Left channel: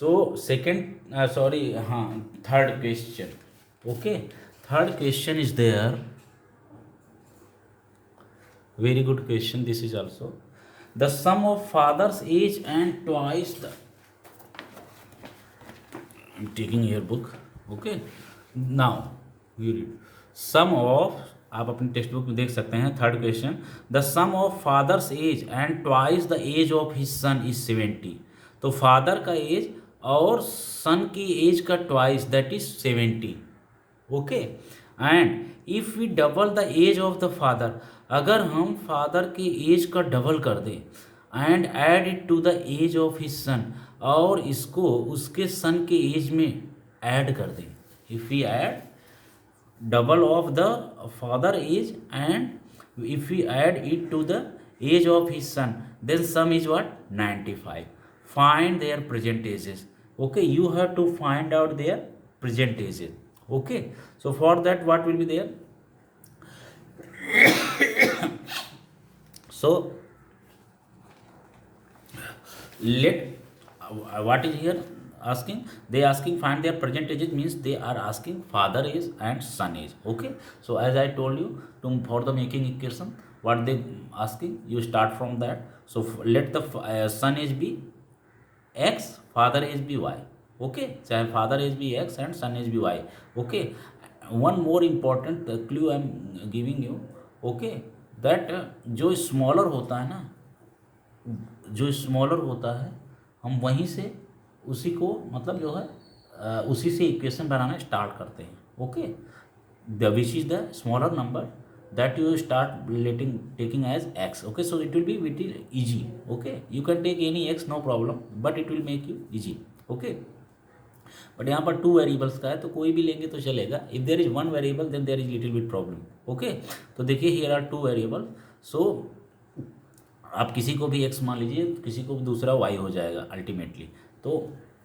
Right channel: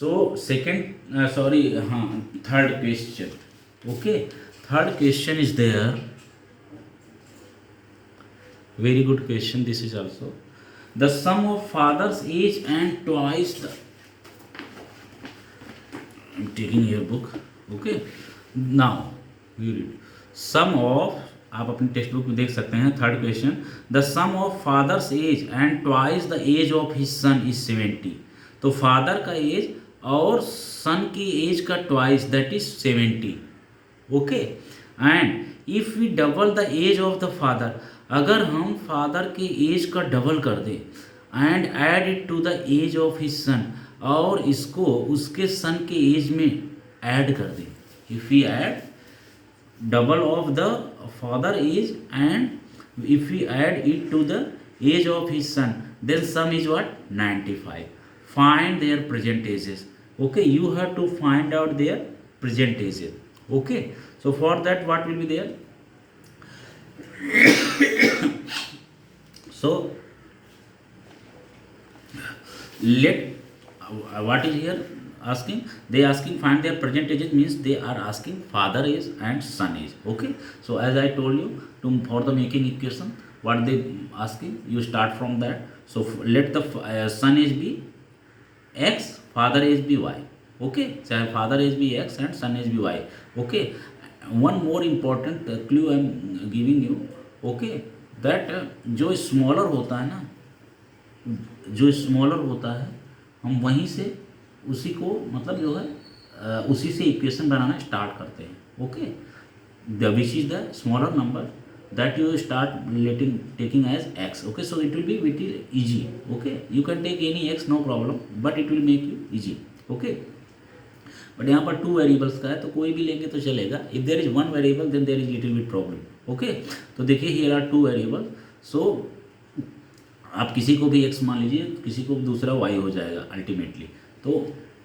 So second, sorry, third question. Okay, third question is there. Very good question. This is also the sum of father's age and twice the. I'm taking your book. Okay. Now we read sum of. आप अपनी text book में देख सकते हैं third question. The sum of father's age and twice the age of his son is 70. तो father का as और सन की एज का twice that is 70. Okay. And if we double the age of the father, अगर हम father के age का double कर दें and add it to the age of his son, और इसको उसके सन के एज में ऐड कर दें. If we add double of the father age and if we add it to the age of his son, then sum is what? 95. Find their present ages. Okay, you have to find out their present ages. Okay, so for that what will be there? So let what is here asking, they asking find their present ages means they are asking father age and son age. Okay, so as I told you, for the making equation what they asking, you start from that. So let the son age be x, father age be y. Okay, so father age be x and son age be y. Okay, one more important clue I am giving you. Okay, that जो smaller होता है ना, जो smaller होता है हम वहीं से उसी को मतलब जो है उसी से इक्वेशन बनाना स्टार्ट करते हैं. Okay, the which is the smaller number that you start letting taking age x. Okay, so it will be bit easy. Okay, you can take any x no problem but it will make you easy. Okay, but यहाँ पर 2 variables का है तो कोई भी लेंगे तो चलेगा. If there is 1 variable then there is little bit problem. Okay, तो देखिए हियर आर 2 वेरिएबल. सो आप किसी को भी x मान लीजिए, किसी को भी दूसरा y हो जाएगा अल्टीमेटली. तो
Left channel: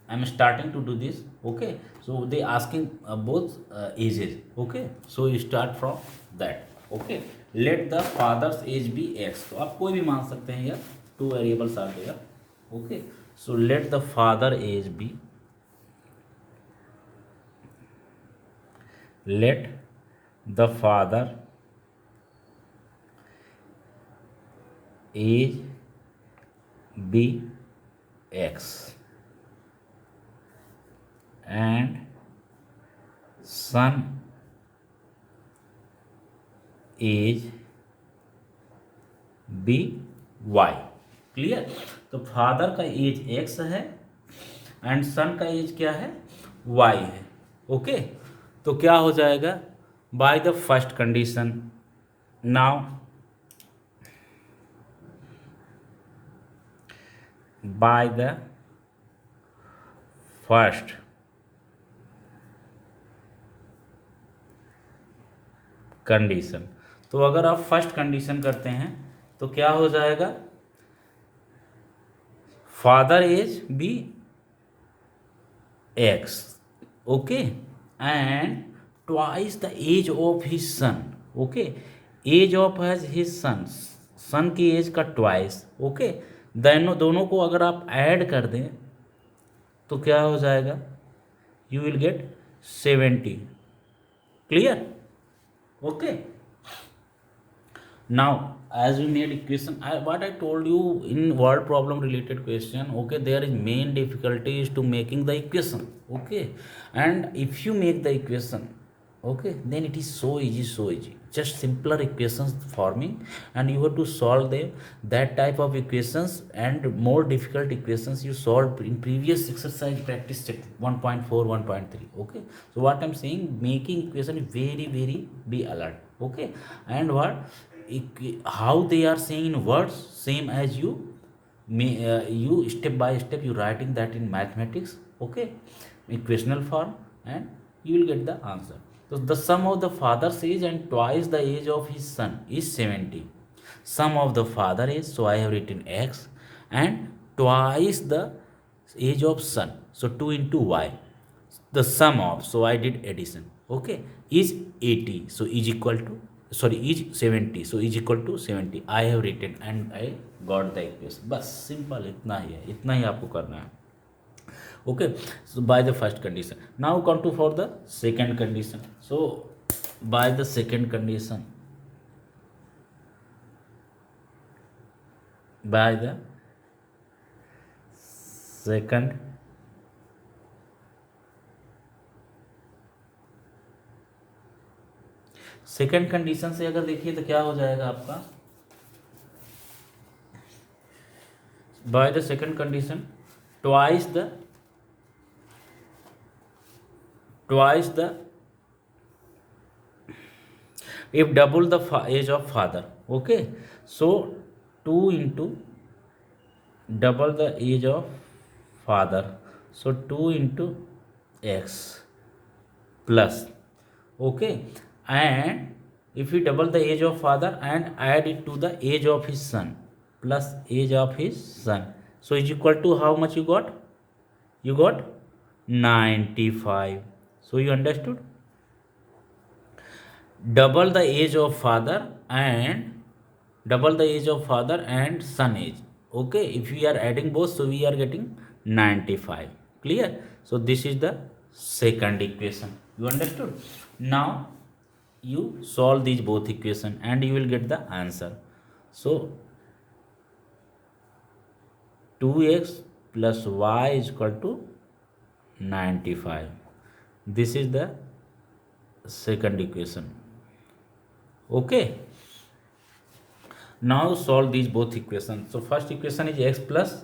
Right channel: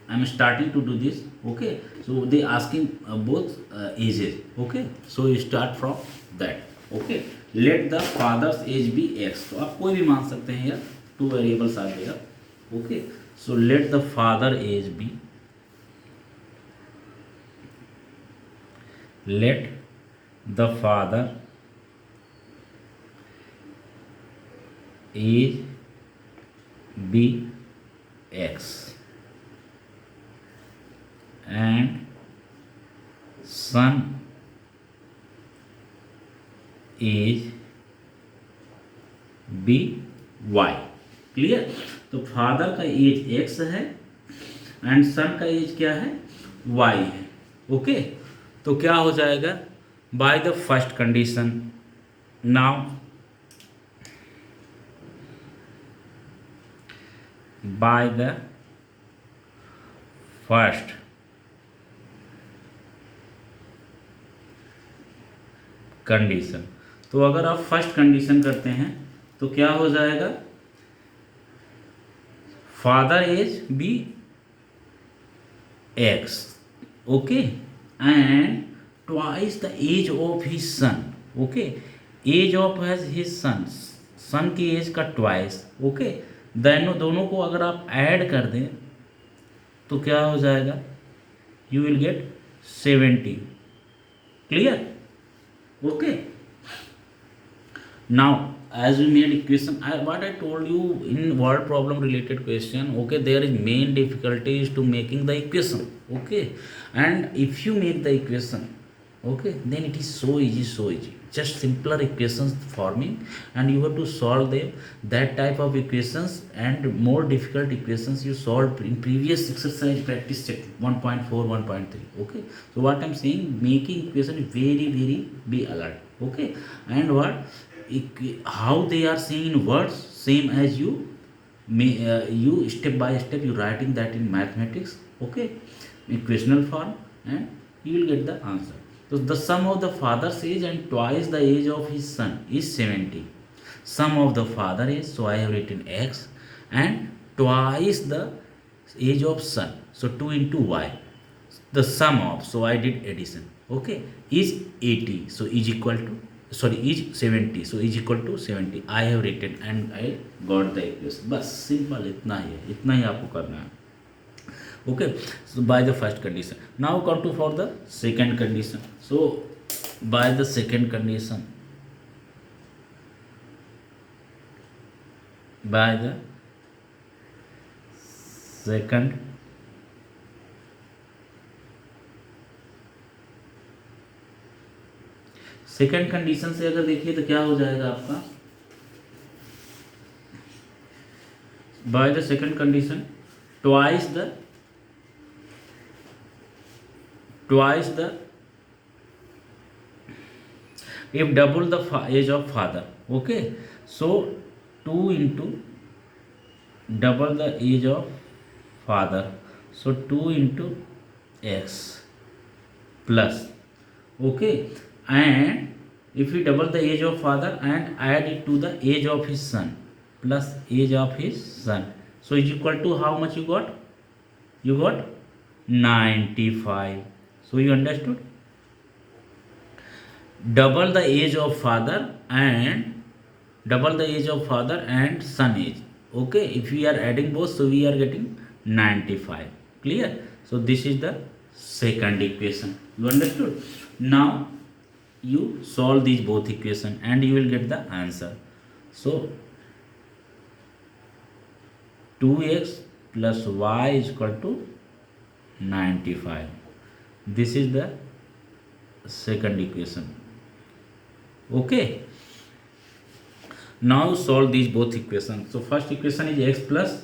I am starting to do this. Okay, so they asking both ages. Okay, so you start from that. Okay, let the father's age be x. तो आप कोई भी मान सकते हैं यार, 2 वेरिएबल्स आ जाएगा. Okay, so let the father age be, let the father age be x and son age be y. Clear. तो फादर का एज x है एंड सन का एज क्या है? y है. ओके, तो क्या हो जाएगा? By the first condition. Now by the first condition. तो अगर आप फर्स्ट कंडीशन करते हैं तो क्या हो जाएगा? Father age B X. Okay, and twice the age of his son. Okay, age of his son, son की एज का ट्वाइस. ओके, दोनों को अगर आप ऐड कर दें तो क्या हो जाएगा? You will get 70. Clear. Okay, now as we made equation, what I told you in word problem related question. Okay, there is main difficulty is to making the equation. Okay, and if you make the equation, okay, then it is so easy. Just simpler equations forming and you have to solve them. That type of equations and more difficult equations you solved in previous exercise practice check 1.4 1.3. Okay, so what I'm saying, making equation is very be alert. Okay, and what how they are saying in words, same as you may you step by step you writing that in mathematics. Okay, equational form, and you will get the answer. So the sum of the father's age and twice the age of his son is 70. Sum of the father age, so I have written x, and twice the age of son, so 2 into y. The sum of, so I did addition. Okay, is 80, so is equal to, sorry, is 70, so is equal to 70. I have written and I got the equation. बस simple इतना ही है, इतना ही आपको करना है. Okay, so by the first condition, now come to for the second condition. So by the second condition, by the second second condition से अगर देखिए तो क्या हो जाएगा आपका, by the second condition twice the if double the age of father. Okay, so 2 into double the age of father, so 2 into x plus. Okay, and if we double the age of father and add it to the age of his son plus age of his son, so is equal to how much you got? You got 95. So you understood, double the age of father and son age. Okay, if we are adding both, so we are getting 95. Clear? So this is the second equation. You understood? Now you solve these both equation and you will get the answer. So 2x plus y is equal to 95. This is the second equation. Okay, now solve these both equations. So first equation is x plus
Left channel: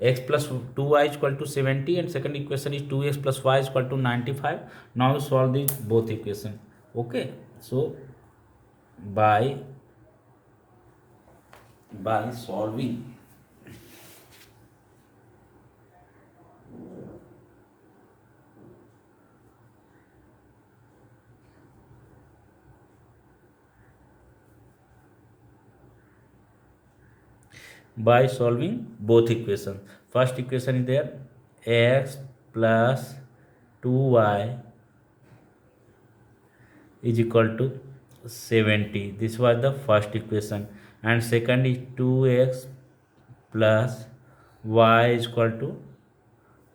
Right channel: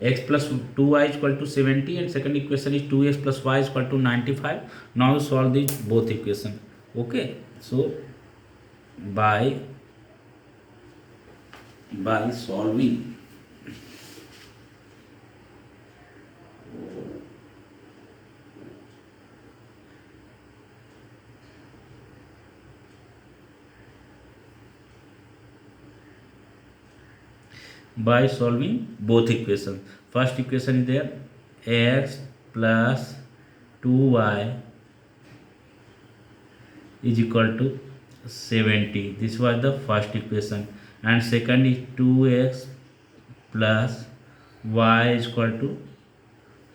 2y is equal to 70 and second equation is 2x plus y is equal to 95. Now solve these both equation. Okay, so by solving both equations. First equation is there, x plus 2y is equal to 70. This was the first equation. And second is 2x plus y is equal to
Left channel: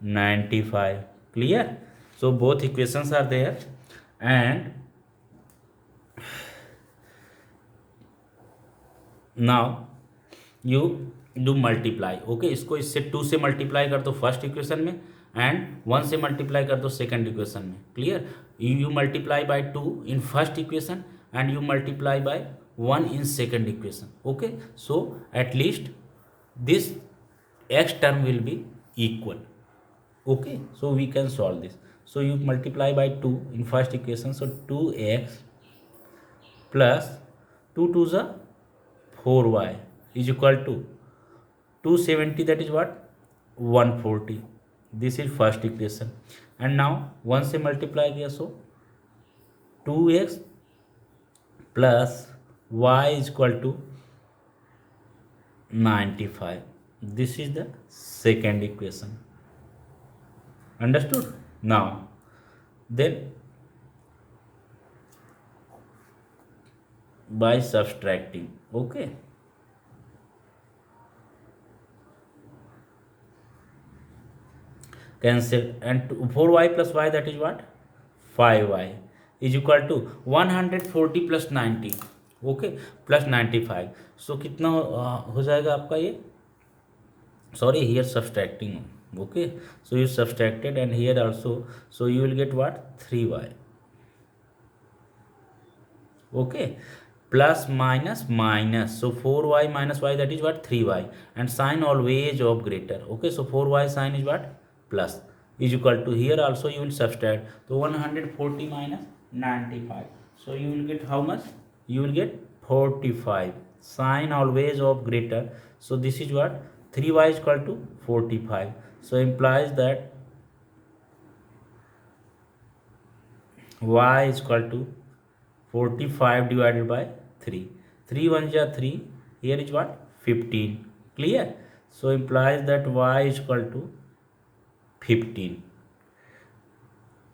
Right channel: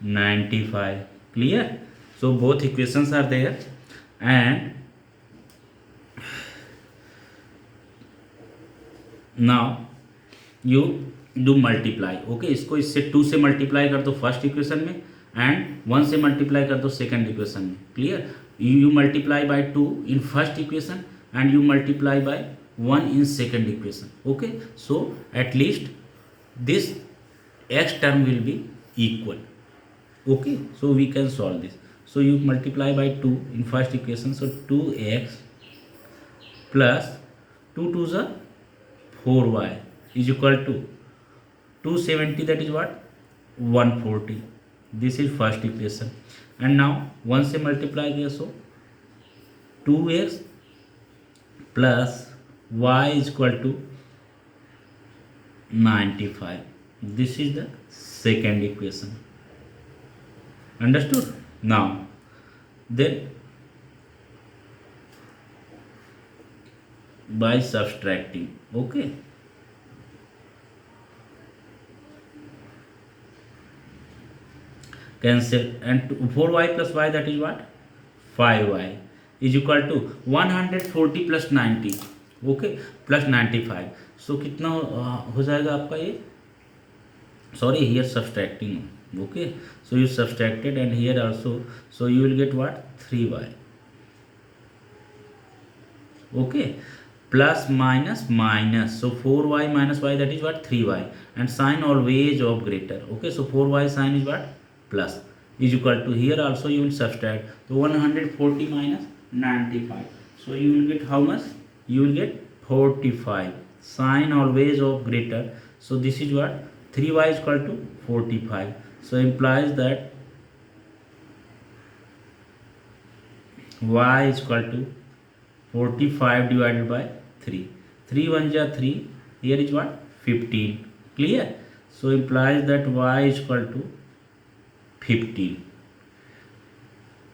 95. Clear? So both equations are there, and now you do multiply. Okay, इसको इससे 2 से multiply कर दो first equation में and 1 से multiply कर दो second equation में. Clear? you multiply by 2 in first equation and you multiply by 1 in second equation. Okay, so at least this x term will be equal. Okay, so we can solve this. So you multiply by 2 in first equation, so 2x plus 2 to the 4y is equal to 270, that is what, 140. This is first equation. And now 1 से multiply किया, so 2x plus y is equal to 95. This is the second equation. Understood? Now then by subtracting, okay, cancel, and 4y plus y, that is what, 5y is equal to 140 plus 90. Okay, plus 95. So कितना हो जाएगा आपका ये, sorry, here subtracting. Okay, so you subtracted and here also, so you will get what, 3y. Okay, plus minus minus, so 4y minus y, that is what, 3y, and sign always of greater. Okay, so 4y sign is what, plus, is equal to, here also you will subtract, so 140 minus 95, so you will get how much, you will get 45. Sign always of greater, so this is what, 3y is equal to 45, so implies that y is equal to 45 divided by 3. 3 1 ja 3, here is what, 15. Clear? So implies that y is equal to 15.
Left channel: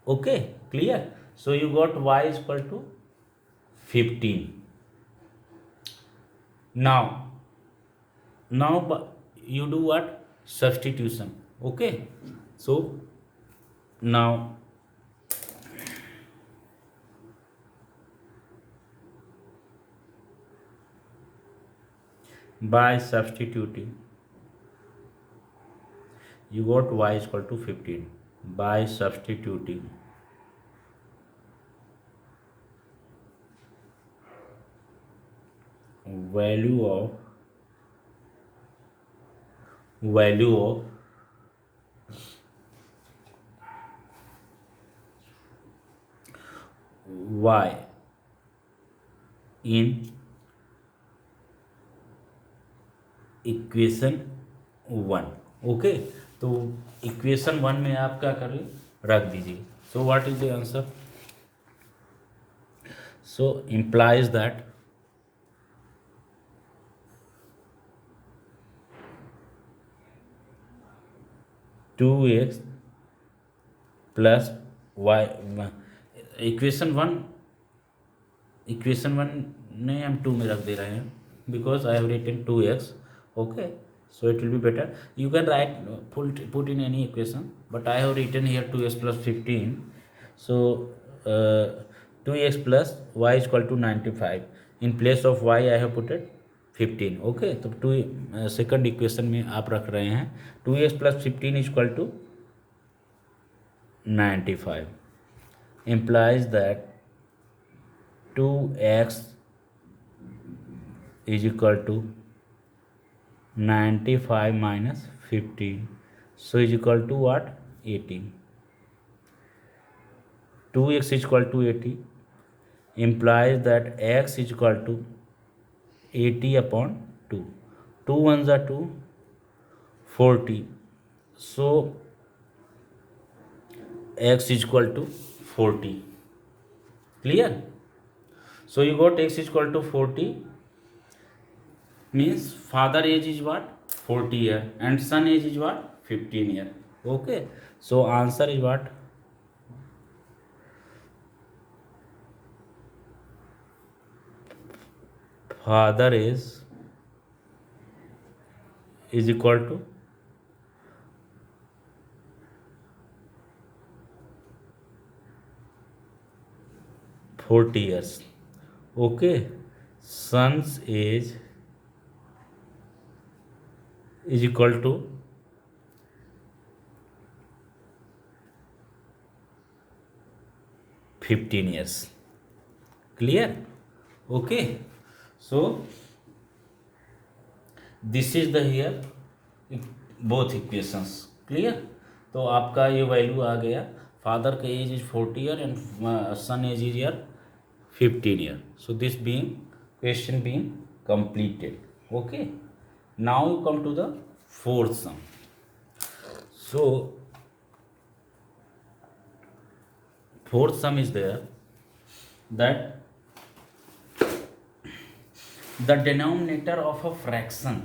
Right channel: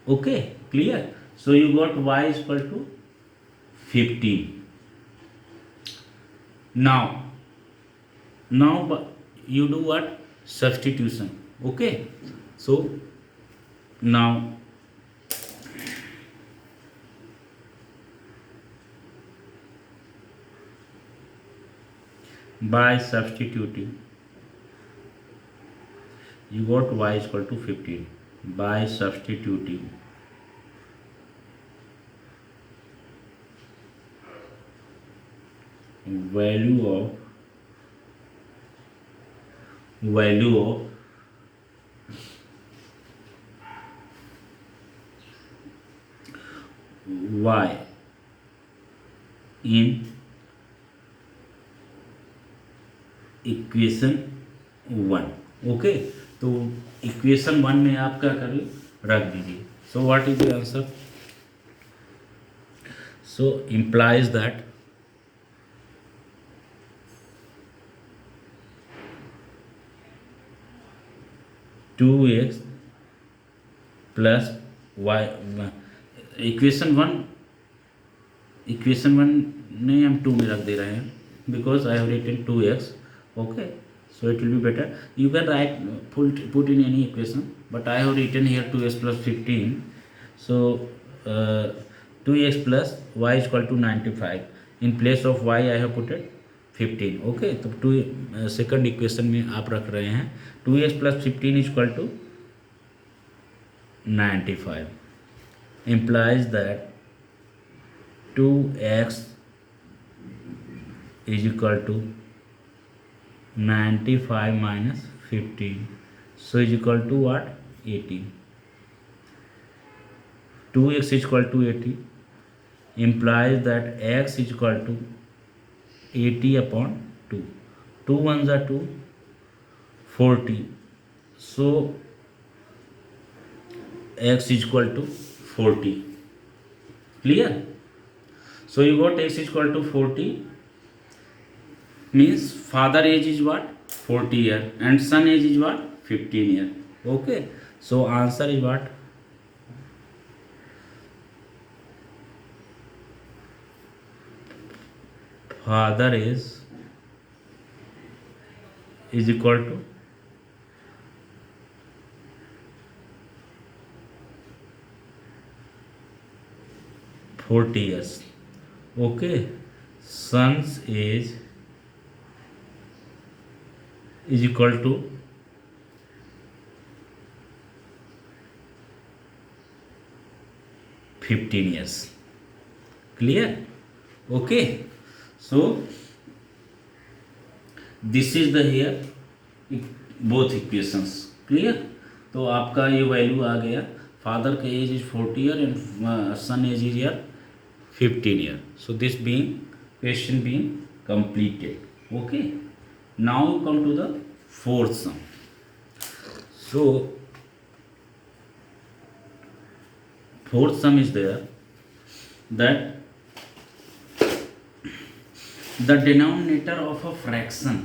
Okay, clear? So you got y is equal to 15. Now you do what, substitution. Okay, So now by substituting, you got y is equal to 15. By substituting value of y in equation one. Okay, तो equation one में आप क्या करिए, रख दीजिए। So what is the answer? So implies that two x plus y, equation one ने हम to में रख दे रहे हैं because I have written 2x. Okay, so it will be better. You can write put in any equation, but I have written here 2x plus 15. So 2x plus y is equal to 95. In place of y I have put it 15. Okay, तो to second equation में आप रख रहे हैं 2x plus 15 is equal to 95. Implies that 2x is equal to 95 minus 15, so is equal to what? 80. 2x is equal to 80 implies that x is equal to 80 upon 2. 2 ones are 2, 40, so x is equal to 40. Clear? So you got x is equal to 40, means father age is what? 40 year and son age is what? 15 year. Okay, so answer is what? Father age is equal to 40 years. Okay, son's age is equal to 15 years. Clear? Okay, so this is the here both equations. Clear? तो आपका ये value आ गया, father का age is 40 year and son age is year 15 year. So this being question being completed. Okay, now we come to the fourth sum. So fourth sum is there that the denominator of a fraction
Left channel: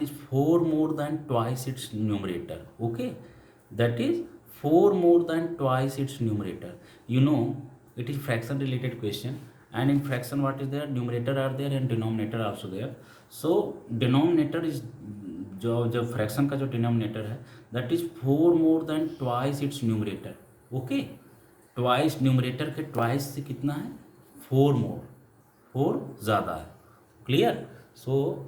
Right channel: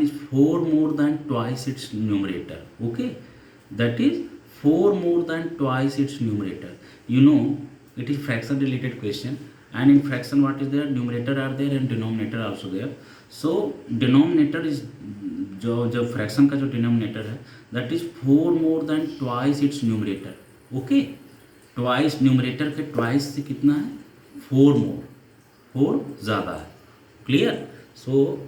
is 4 more than twice its numerator. Okay, that is 4 more than twice its numerator. You know, it is fraction related question, and in fraction what is there? Numerator are there and denominator also there. So denominator is जो fraction का जो denominator है, that is 4 more than twice its numerator. Okay, twice numerator के twice से कितना है? 4 more, 4 ज़्यादा है. Clear? So